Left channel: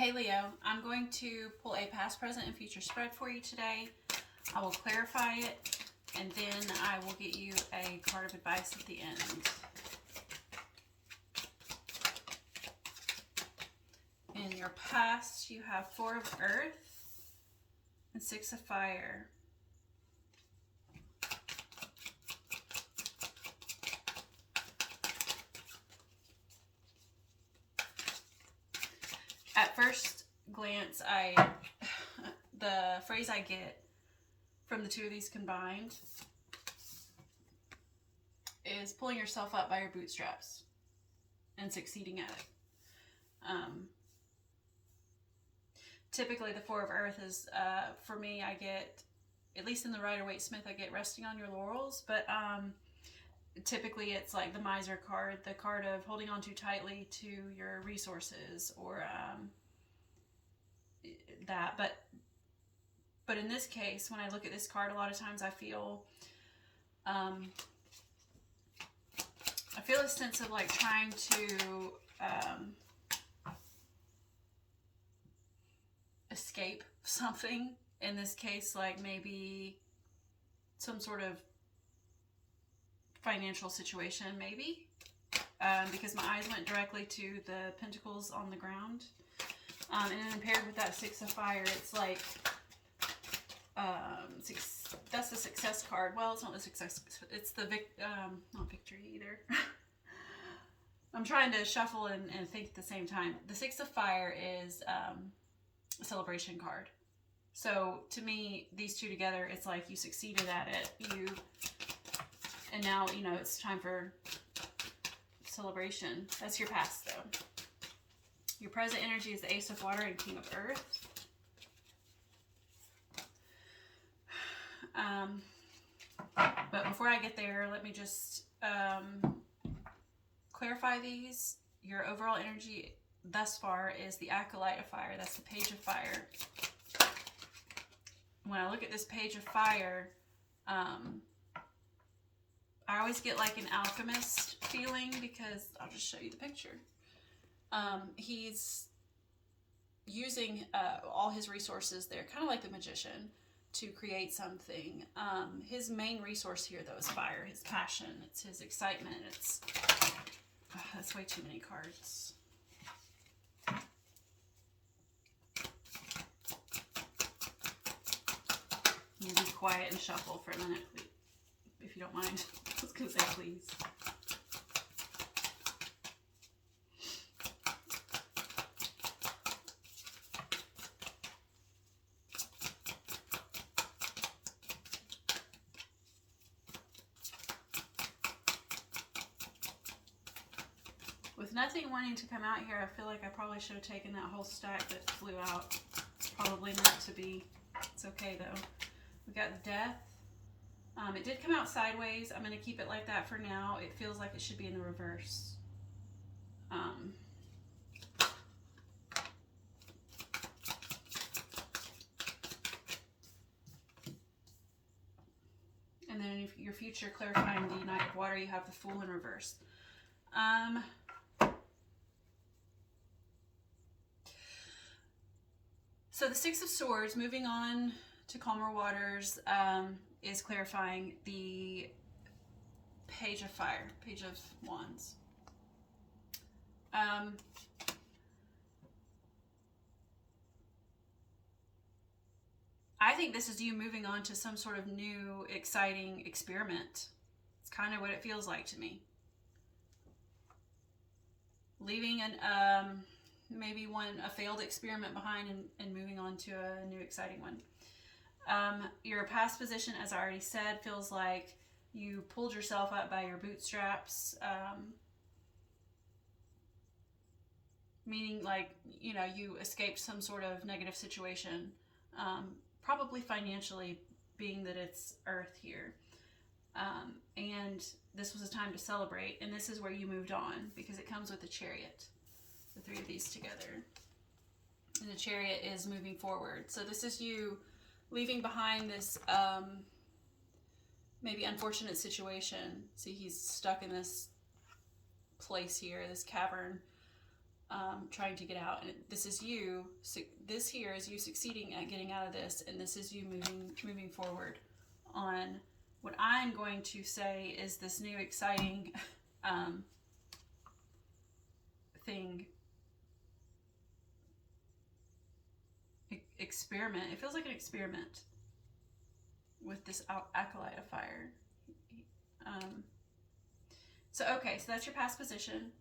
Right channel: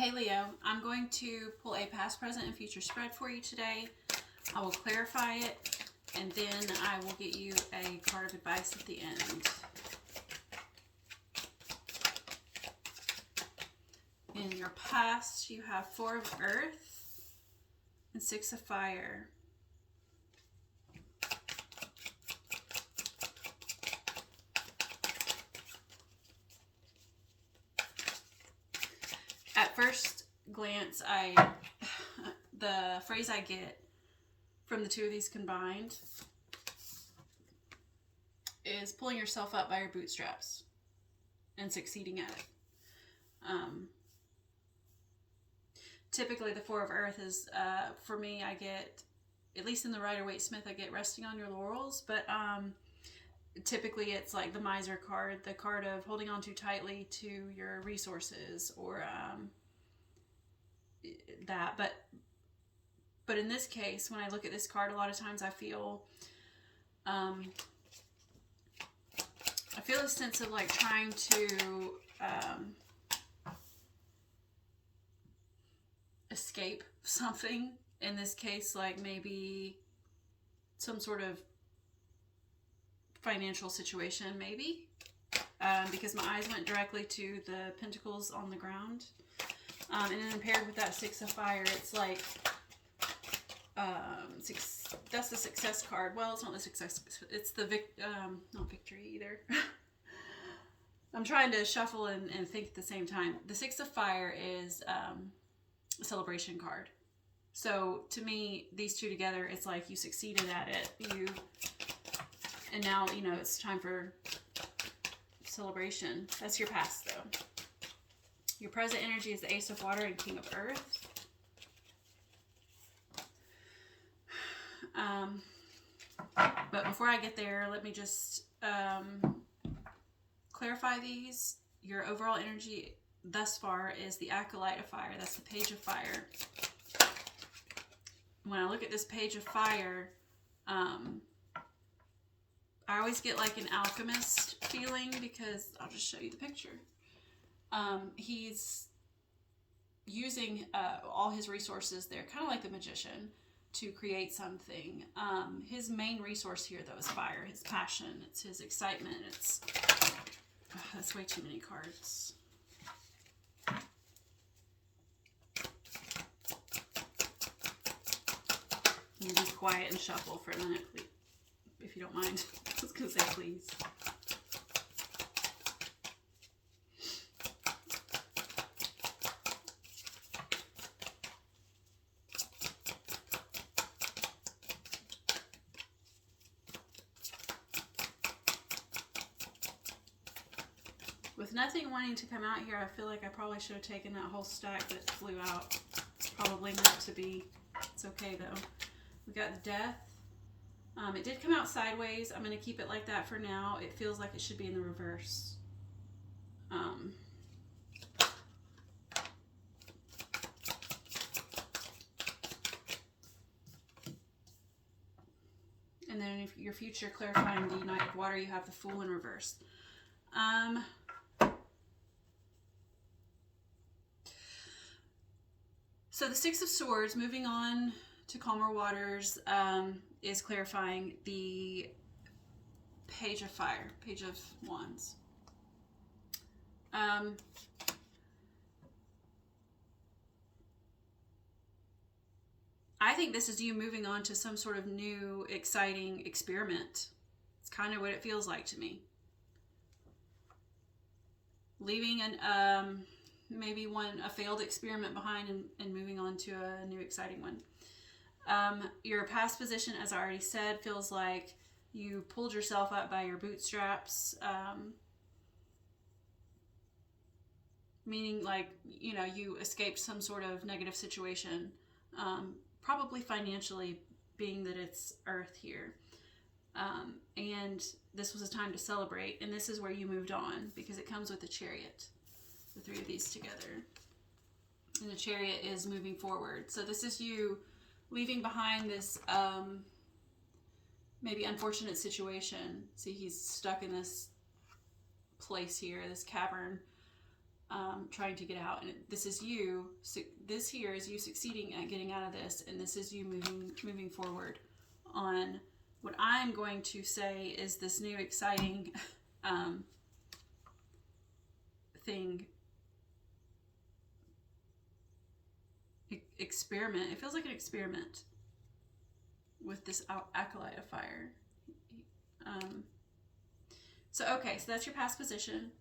Hey Leo, I'm going to pull a past, present, and future spread for you today. I will clarify it, and then I will get you a card of advice at the end. In your past, you have Four of Earth and Six of Fire. At first glance, the phrase I get from the two of these combined is pulling yourself up by your bootstraps and succeeding at it. Typically, the Four of Earth is, for me, I get, at least in the Rider-Waite-Smith, I get resting on your laurels, but typically it's like the miser card, the card of holding on too tightly to your resources, or that. But in this case, when I look at this card, a lot of times I feel a sense of like trying to escape something. In this case, like maybe some sort of financial situation, maybe, because my eyes went directly to the pentacles on the ground, and then paired with that Six of Fire, it's like that's the success card. Well, it's not the success, it's the not victory either. I'm trying to shuffle and think at the same time. The Six of Fire is a celebration card. So to me, these two together, it's like you succeeded at it. And now, you know, it's time for celebration. That's your past, though. Your present energy is the Ace of Water and King of Earth. But before I get there, let me just clarify these. Your overall energy thus far is the Acolyte of Fire. That's the Page of Fire. When I look at this Page of Fire, I always get like an alchemist feeling, because I'll just show you the picture. He's using all his resources there, kind of like the magician, to create something. His main resource here, though, is fire, his passion, it's his excitement. That's way too many cards. You be quiet and shuffle for a minute, if you don't mind. I was going to say please. With nothing wanting to come out here, I feel like I probably should have taken that whole stack that flew out. Probably meant to be. It's okay, though. We got the Death. It did come out sideways. I'm going to keep it like that for now. It feels like it should be in the reverse. And then if your future, clarifying the Knight of Water, you have the Fool in reverse. So the Six of Swords, moving on to calmer waters, is clarifying the Page of Fire, Page of Wands. I think this is you moving on to some sort of new, exciting experiment. It's kind of what it feels like to me. Leaving maybe a failed experiment behind and moving on to a new, exciting one. Your past position, as I already said, feels like you pulled yourself up by your bootstraps, meaning like, you know, you escaped some sort of negative situation, probably financially, being that it's Earth here. And this was a time to celebrate, and this is where you moved on, because it comes with the Chariot, the three of these together. And the Chariot is moving forward. So this is you leaving behind this maybe unfortunate situation. See, he's stuck in this place here, this cavern. trying to get out. And this is you. So this here is you succeeding at getting out of this, and this is you moving forward on what I'm going to say is this new exciting thing. Experiment. It feels like an experiment with this acolyte of fire. So that's your past position.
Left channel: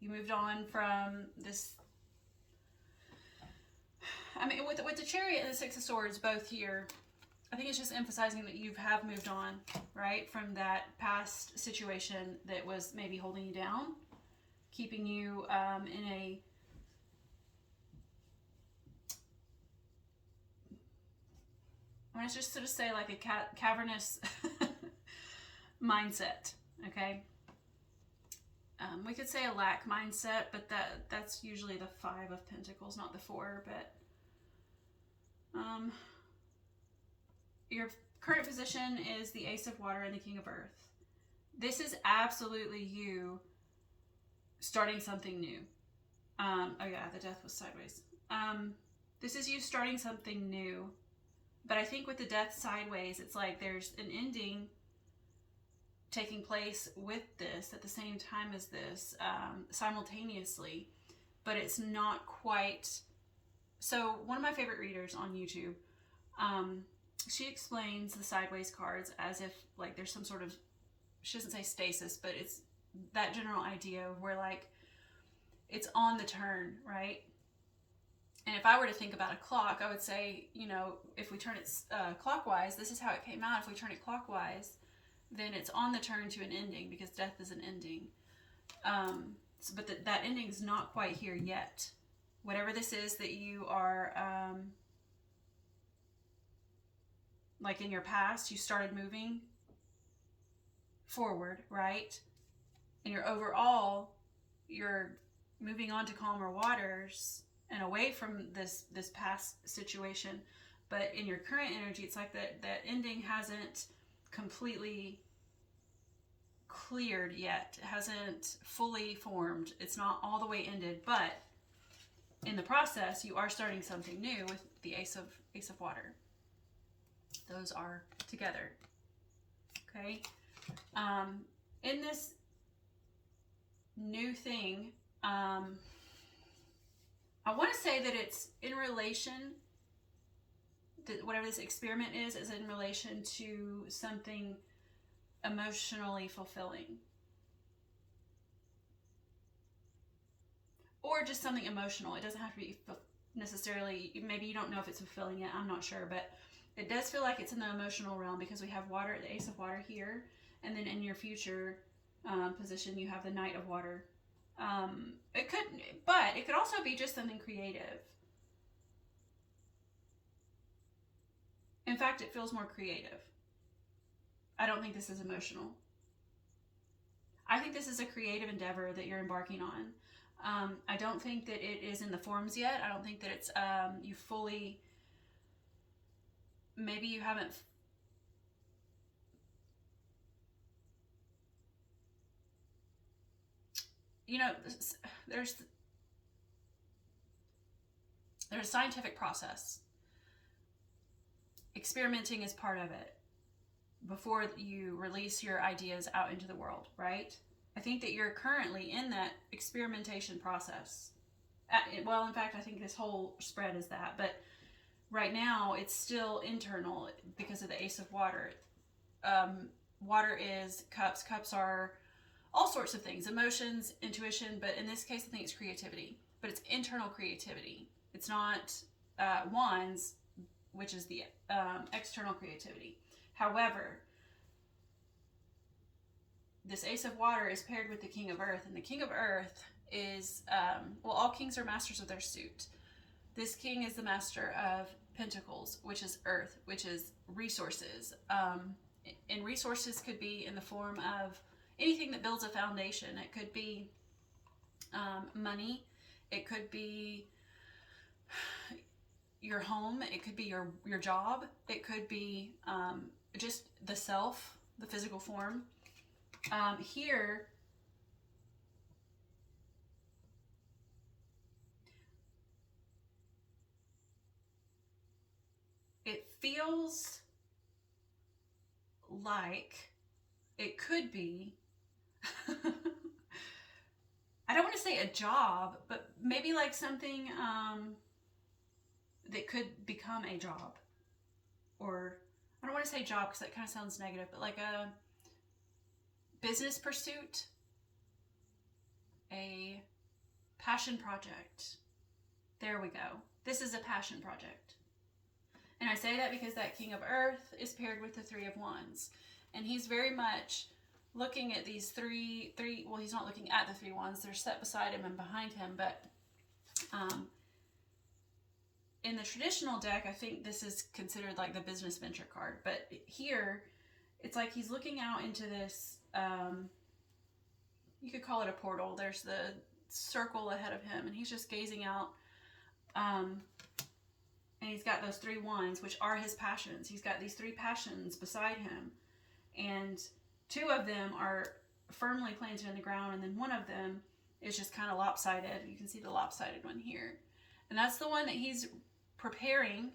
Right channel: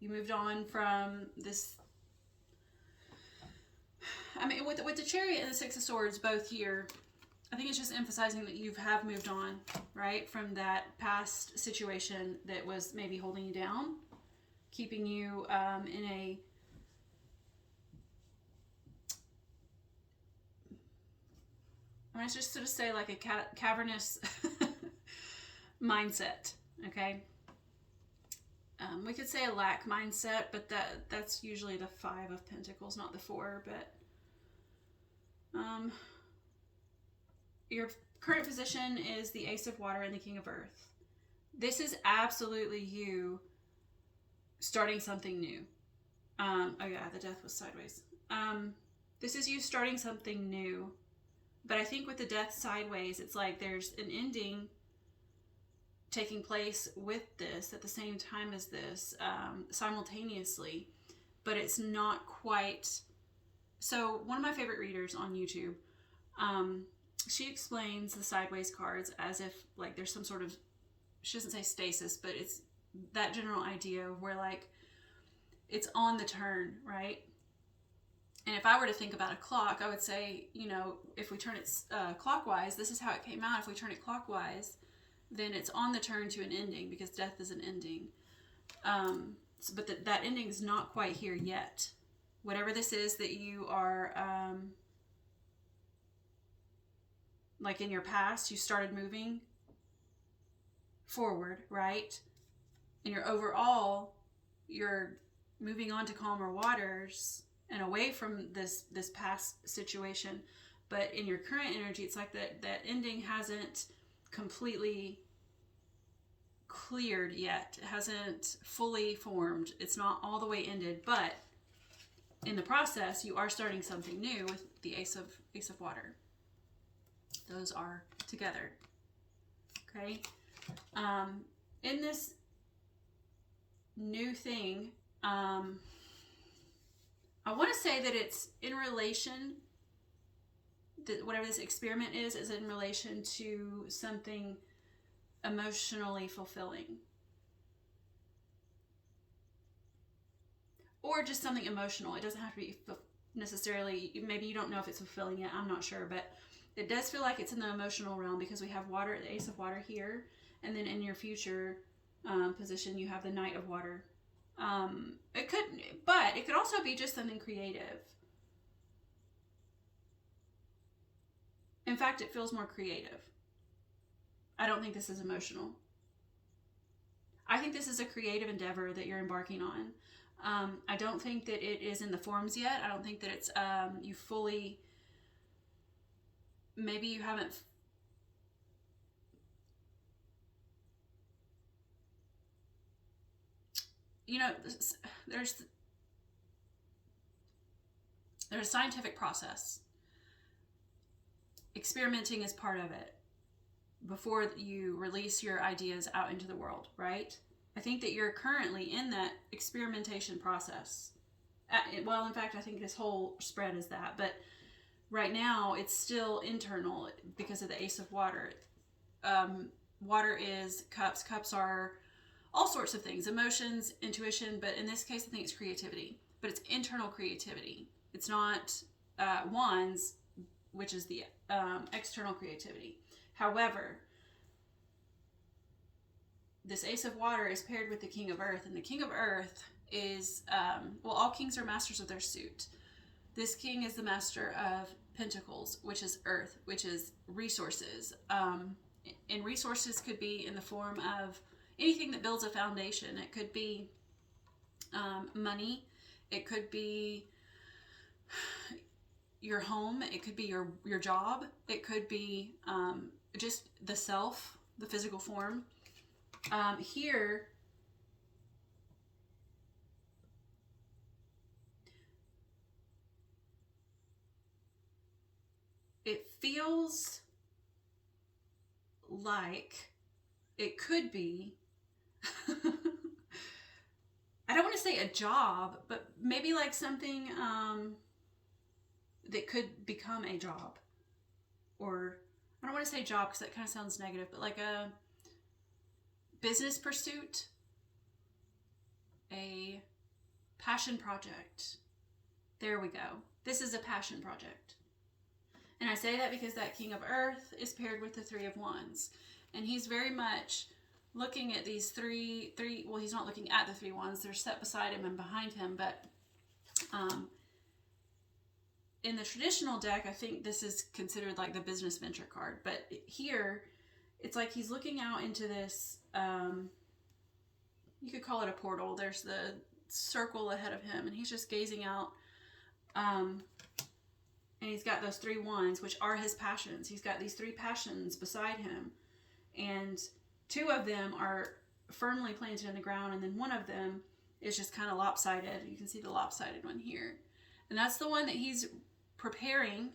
You moved on from this. I mean, with the Chariot and the Six of Swords both here, I think it's just emphasizing that you have moved on, right, from that past situation that was maybe holding you down, keeping you in a I want to just sort of say like a cavernous mindset, okay? We could say a lack mindset, but that's usually the 5 of Pentacles, not the 4. But your current position is the Ace of Water and the King of Earth. This is absolutely you starting something new. Oh yeah, the Death was sideways. This is you starting something new. But I think with the Death sideways, it's like there's an ending taking place with this at the same time as this, simultaneously, but it's not quite. So one of my favorite readers on YouTube, she explains the sideways cards as if like there's some sort of, she doesn't say stasis, but it's that general idea where like it's on the turn, right? And if I were to think about a clock, I would say, you know, if we turn it clockwise, this is how it came out. If we turn it clockwise, then it's on the turn to an ending, because death is an ending. But that ending is not quite here yet. Whatever this is that you are, like in your past, you started moving forward, right? And you're moving on to calmer waters and away from this past situation. But in your current energy, it's like that ending hasn't completely cleared yet. It hasn't fully formed. It's not all the way ended, but in the process, you are starting something new with the Ace of Water. Those are together. Okay. In this new thing, I want to say that it's in relation, that whatever this experiment is in relation to something emotionally fulfilling. Or just something emotional. It doesn't have to be necessarily, maybe you don't know if it's fulfilling yet, I'm not sure, but it does feel like it's in the emotional realm, because we have water, the Ace of Water here, and then in your future position you have the Knight of Water. It could also be just something creative. In fact, it feels more creative. I don't think this is emotional. I think this is a creative endeavor that you're embarking on. I don't think that it is in the forms yet. I don't think that it's you fully, maybe you haven't there's a scientific process. Experimenting is part of it before you release your ideas out into the world, right? I think that you're currently in that experimentation process. Well, in fact, I think this whole spread is that, but right now it's still internal because of the Ace of Water. Water is cups. Cups are all sorts of things, emotions, intuition, but in this case, I think it's creativity, but it's internal creativity. It's not wands, which is the external creativity. However, this Ace of Water is paired with the King of Earth, and the King of Earth is, all kings are masters of their suit. This king is the master of Pentacles, which is earth, which is resources. And resources could be in the form of anything that builds a foundation. It could be money. It could be your home. It could be your job. It could be just the self, the physical form. Here, feels like it could be, I don't want to say a job, but maybe like something that could become a job. Or I don't want to say job because that kind of sounds negative, but like a business pursuit, a passion project. There we go. This is a passion project. And I say that because that King of Earth is paired with the Three of Wands. And he's very much looking at these three, well, he's not looking at the 3 wands. They're set beside him and behind him. But in the traditional deck, I think this is considered like the business venture card. But here, it's like he's looking out into this, you could call it a portal. There's the circle ahead of him, and he's just gazing out. And he's got those 3 wands, which are his passions. He's got these 3 passions beside him. And 2 of them are firmly planted in the ground, and then 1 of them is just kind of lopsided. You can see the lopsided one here. And that's the one that he's preparing.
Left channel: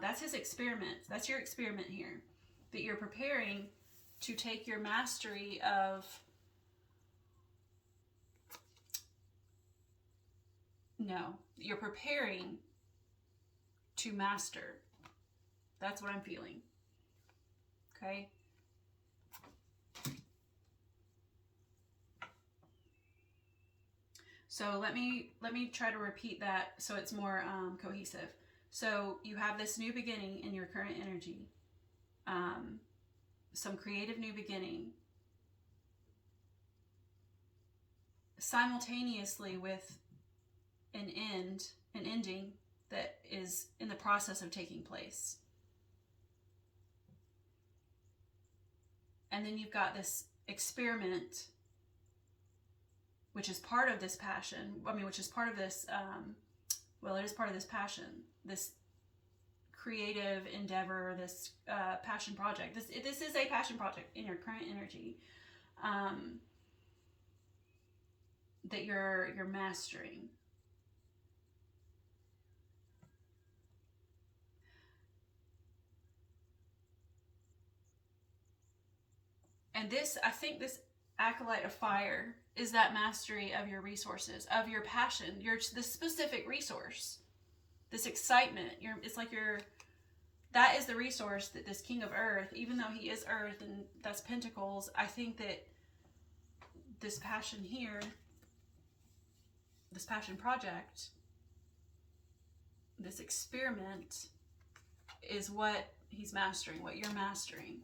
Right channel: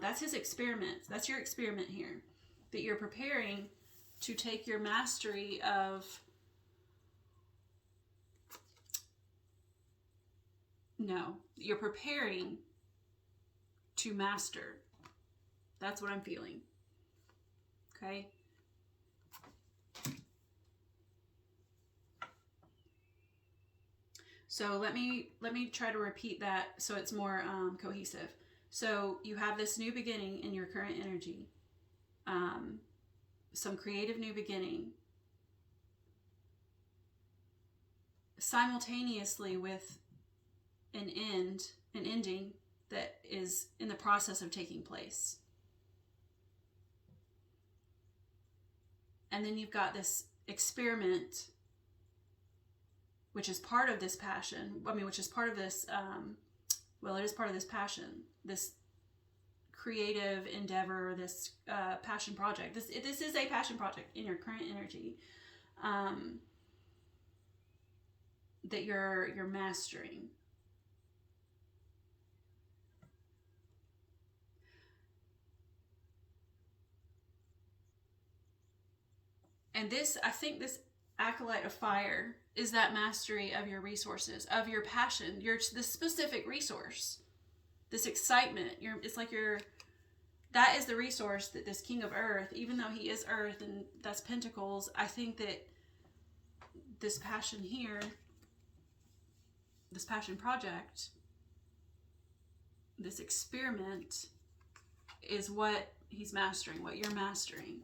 That's his experiment. That's your experiment here. That you're preparing to take your mastery of... No, you're preparing to master. That's what I'm feeling. Okay? So let me try to repeat that so it's more cohesive. So you have this new beginning in your current energy. Some creative new beginning. Simultaneously with an ending that is in the process of taking place. And then you've got this experiment, which is part of this passion. I mean, which is part of this, well, it is part of this passion, this creative endeavor, this passion project. This is a passion project in your current energy that you're mastering. And this, I think this acolyte of fire is that mastery of your resources, of your passion, this specific resource, this excitement. It's like that is the resource that this King of Earth, even though he is Earth and that's Pentacles, I think that this passion here, this passion project, this experiment is what he's mastering, what you're mastering.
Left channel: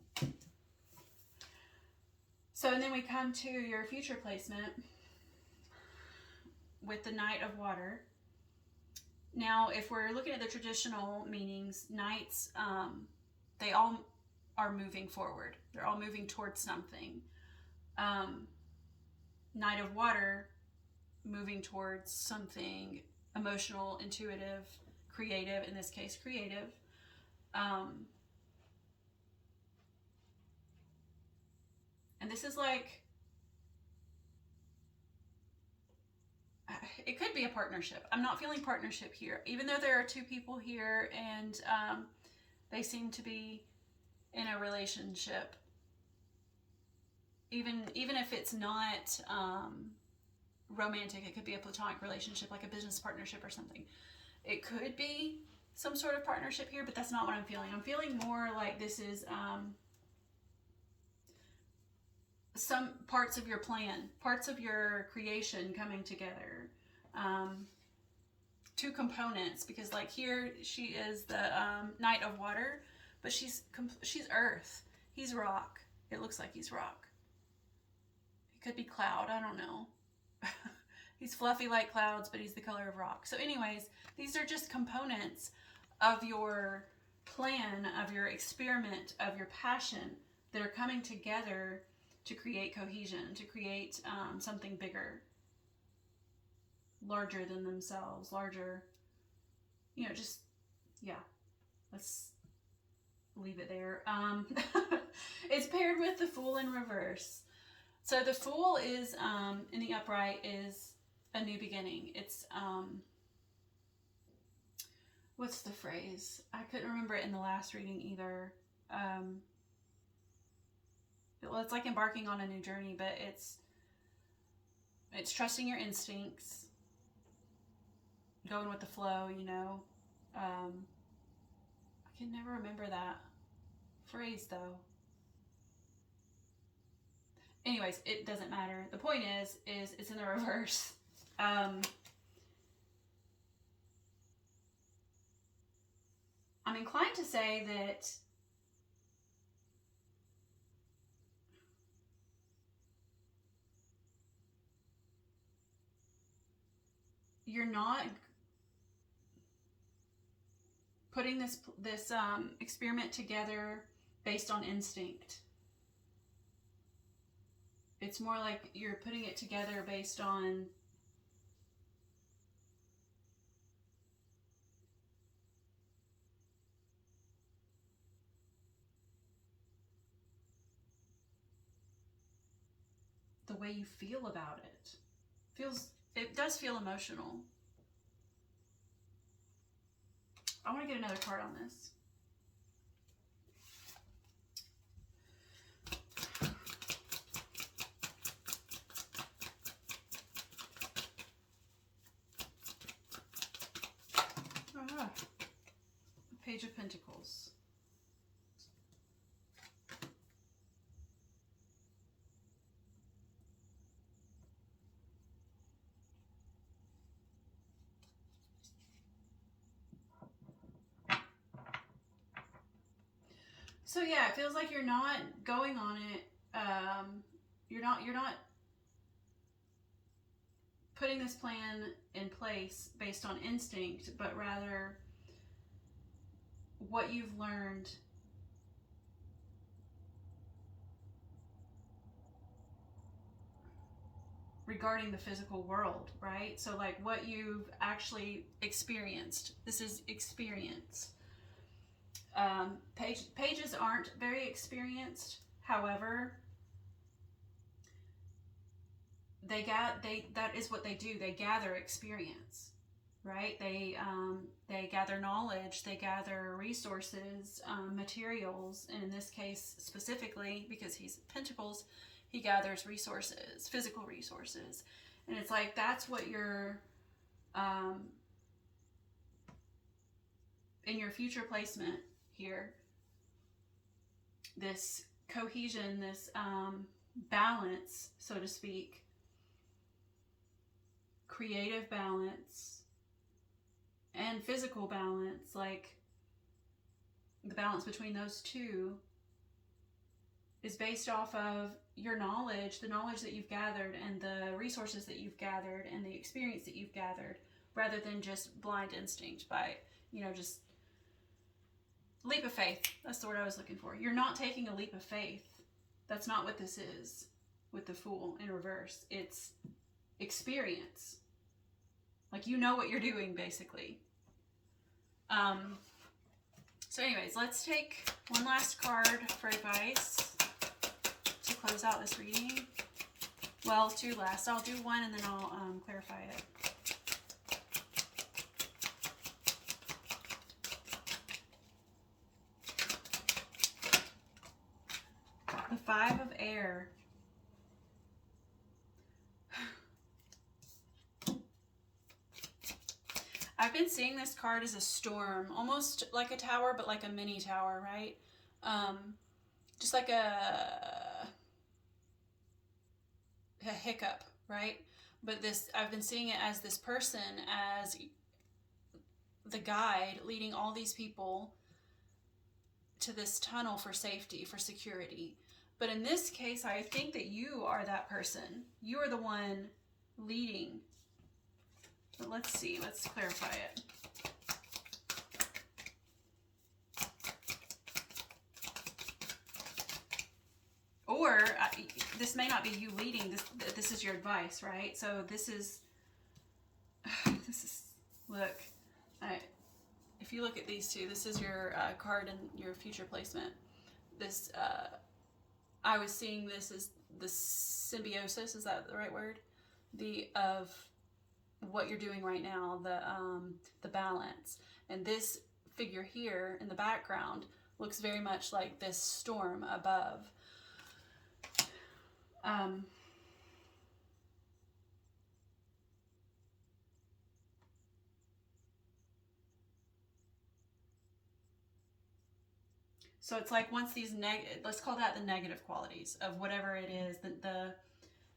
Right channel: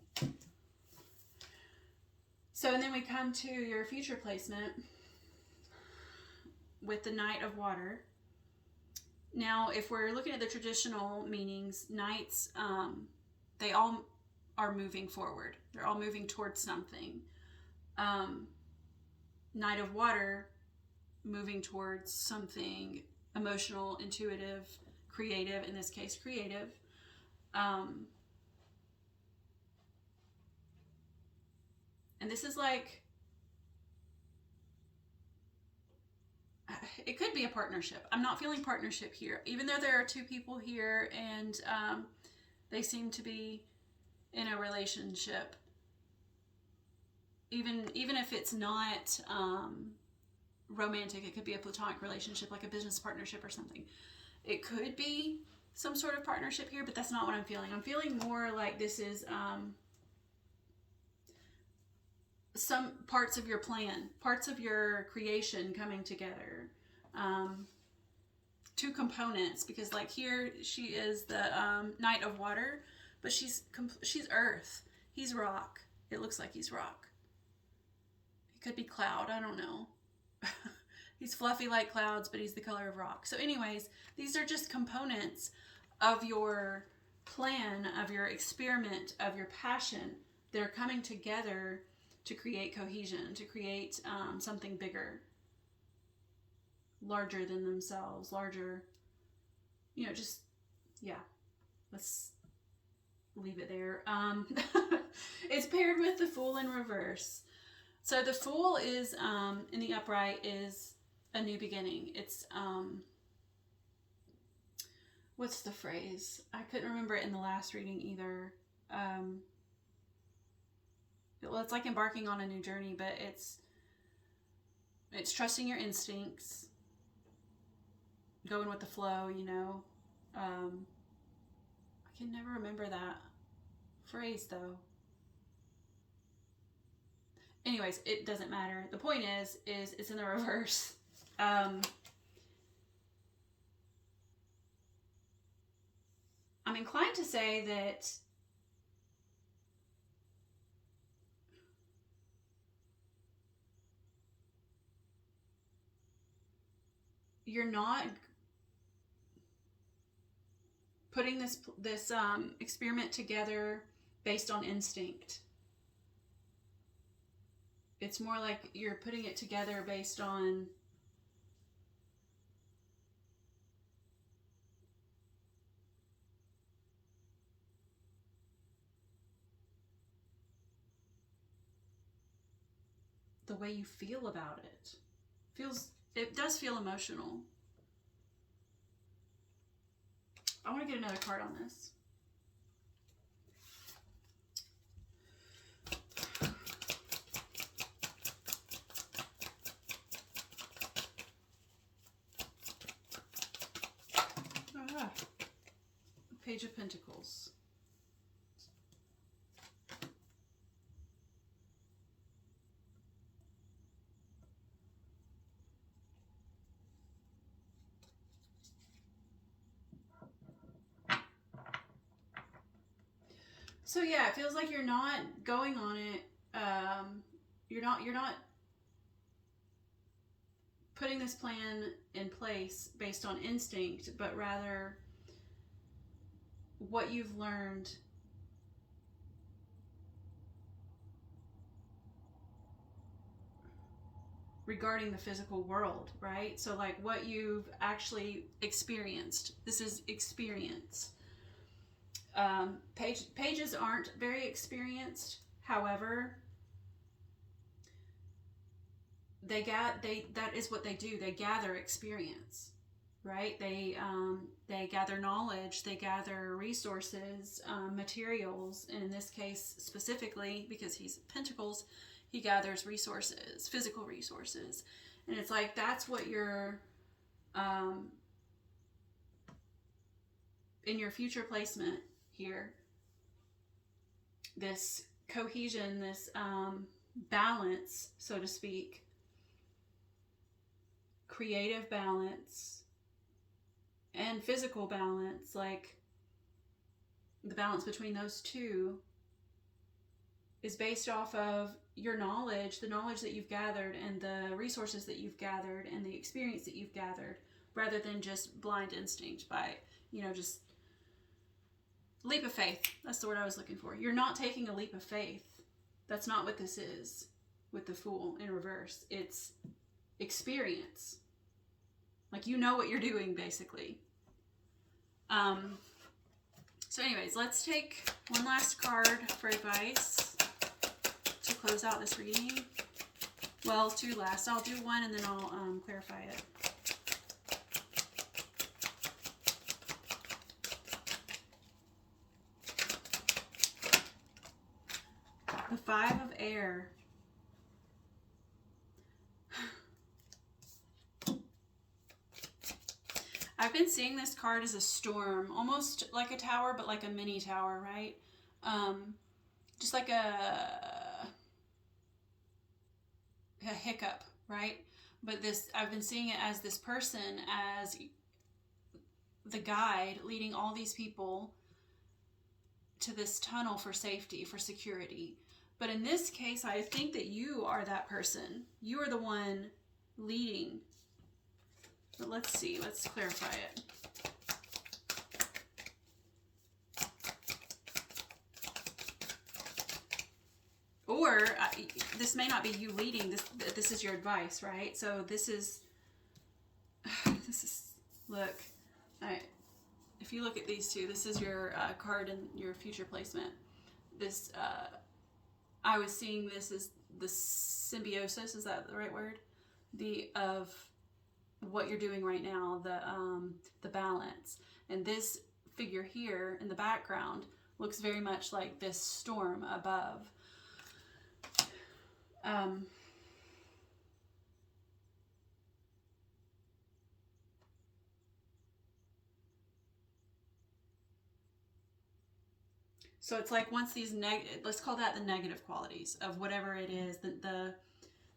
So, and then we come to your future placement with the Knight of Water. Now, if we're looking at the traditional meanings, knights, they all are moving forward. They're all moving towards something. Knight of Water, moving towards something emotional, intuitive, creative, in this case, creative. And this is like, it could be a partnership. I'm not feeling partnership here, even though there are 2 people here and they seem to be in a relationship. Even if it's not romantic, it could be a platonic relationship, like a business partnership or something. It could be some sort of partnership here, but that's not what I'm feeling. I'm feeling more like this is some parts of your plan, parts of your creation coming together. 2 components, because like here she is the Knight of Water, but she's Earth. He's rock. It looks like he's rock. He could be cloud. I don't know. He's fluffy like clouds, but he's the color of rock. So anyways, these are just components of your plan, of your experiment, of your passion. They're coming together to create cohesion, to create something bigger, larger than themselves, larger, just, yeah, let's leave it there. It's paired with the Fool in reverse. So the Fool is, in the upright, is a new beginning. It's what's the phrase? I couldn't remember it in the last reading either. Well, it's like embarking on a new journey, but it's trusting your instincts, going with the flow, you know. I can never remember that phrase though. Anyways, it doesn't matter. The point is it's in the reverse. I'm inclined to say that you're not putting this experiment together based on instinct. It's more like you're putting it together based on the way you feel about it. It does feel emotional. I want to get another card on this. Page of Pentacles. So yeah, it feels like you're not going on it. You're not putting this plan in place based on instinct, but rather what you've learned regarding the physical world, right? So like what you've actually experienced. This is experience. Pages aren't very experienced. However, that is what they do. They gather experience, right? They gather knowledge. They gather resources, materials. And in this case specifically, because he's Pentacles, he gathers resources, physical resources. And it's like that's what you're in your future placement here. This cohesion, this balance, so to speak, creative balance and physical balance, like the balance between those two is based off of your knowledge, the knowledge that you've gathered and the resources that you've gathered and the experience that you've gathered, rather than just blind instinct by, just leap of faith. That's the word I was looking for. You're not taking a leap of faith. That's not what this is with the Fool in reverse. It's experience. Like you know what you're doing, basically. So anyways, let's take one last card for advice to close out this reading. Well, two last. I'll do one and then I'll clarify it. The Five of Air. I've been seeing this card as a storm, almost like a tower, but like a mini tower, right? Just like a hiccup, right? But I've been seeing it as this person, as the guide leading all these people to this tunnel for safety, for security. But in this case, I think that you are that person. You are the one leading. But let's see, let's clarify it. Or this may not be you leading. This is your advice, right? So this is look. If you look at these two, this is your card and your future placement. This I was seeing this as the symbiosis. Is that the right word? Of what you're doing right now, the balance. And this figure here in the background looks very much like this storm above. So it's like once these let's call that the negative qualities of whatever it is,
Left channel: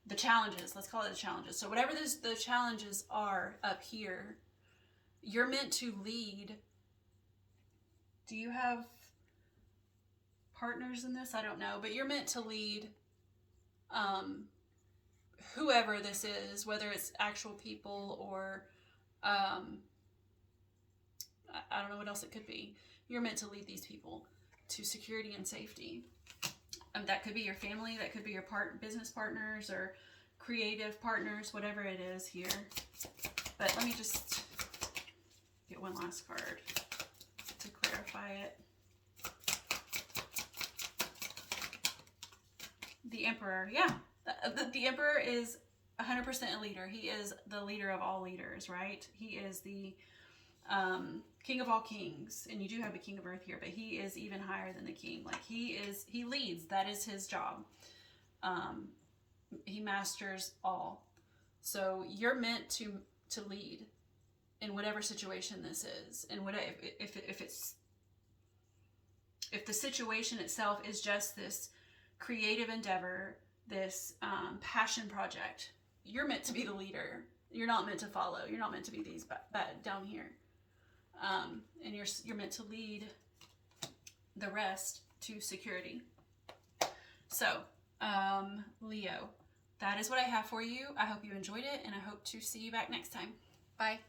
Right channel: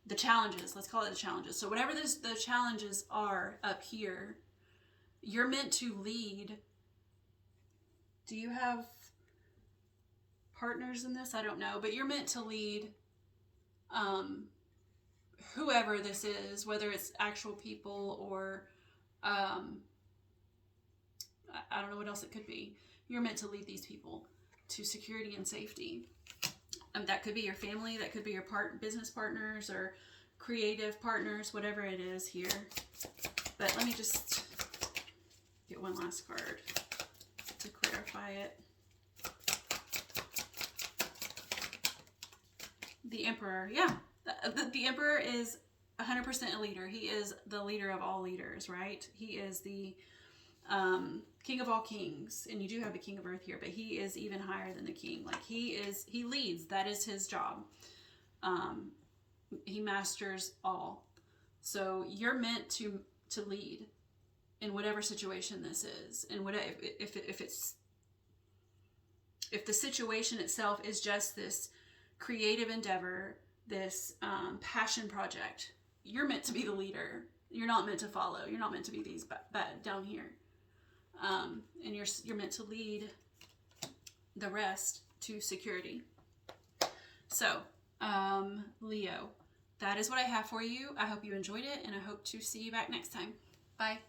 the challenges, let's call it the challenges. So whatever the challenges are up here, you're meant to lead. Do you have partners in this? I don't know, but you're meant to lead whoever this is, whether it's actual people or I don't know what else it could be. You're meant to lead these people to security and safety. That could be your family, that could be your business partners or creative partners, whatever it is here. But let me just get one last card to clarify it. The Emperor, yeah. The Emperor is 100% a leader. He is the leader of all leaders, right? He is the King of all kings, and you do have the King of Earth here, but he is even higher than the king. Like he leads. That is his job. He masters all. So you're meant to lead in whatever situation this is, and whatever if the situation itself is just this creative endeavor, this passion project, you're meant to be the leader. You're not meant to follow. You're not meant to be these down here. And you're meant to lead the rest to security. So, Leo, that is what I have for you. I hope you enjoyed it, and I hope to see you back next time. Bye.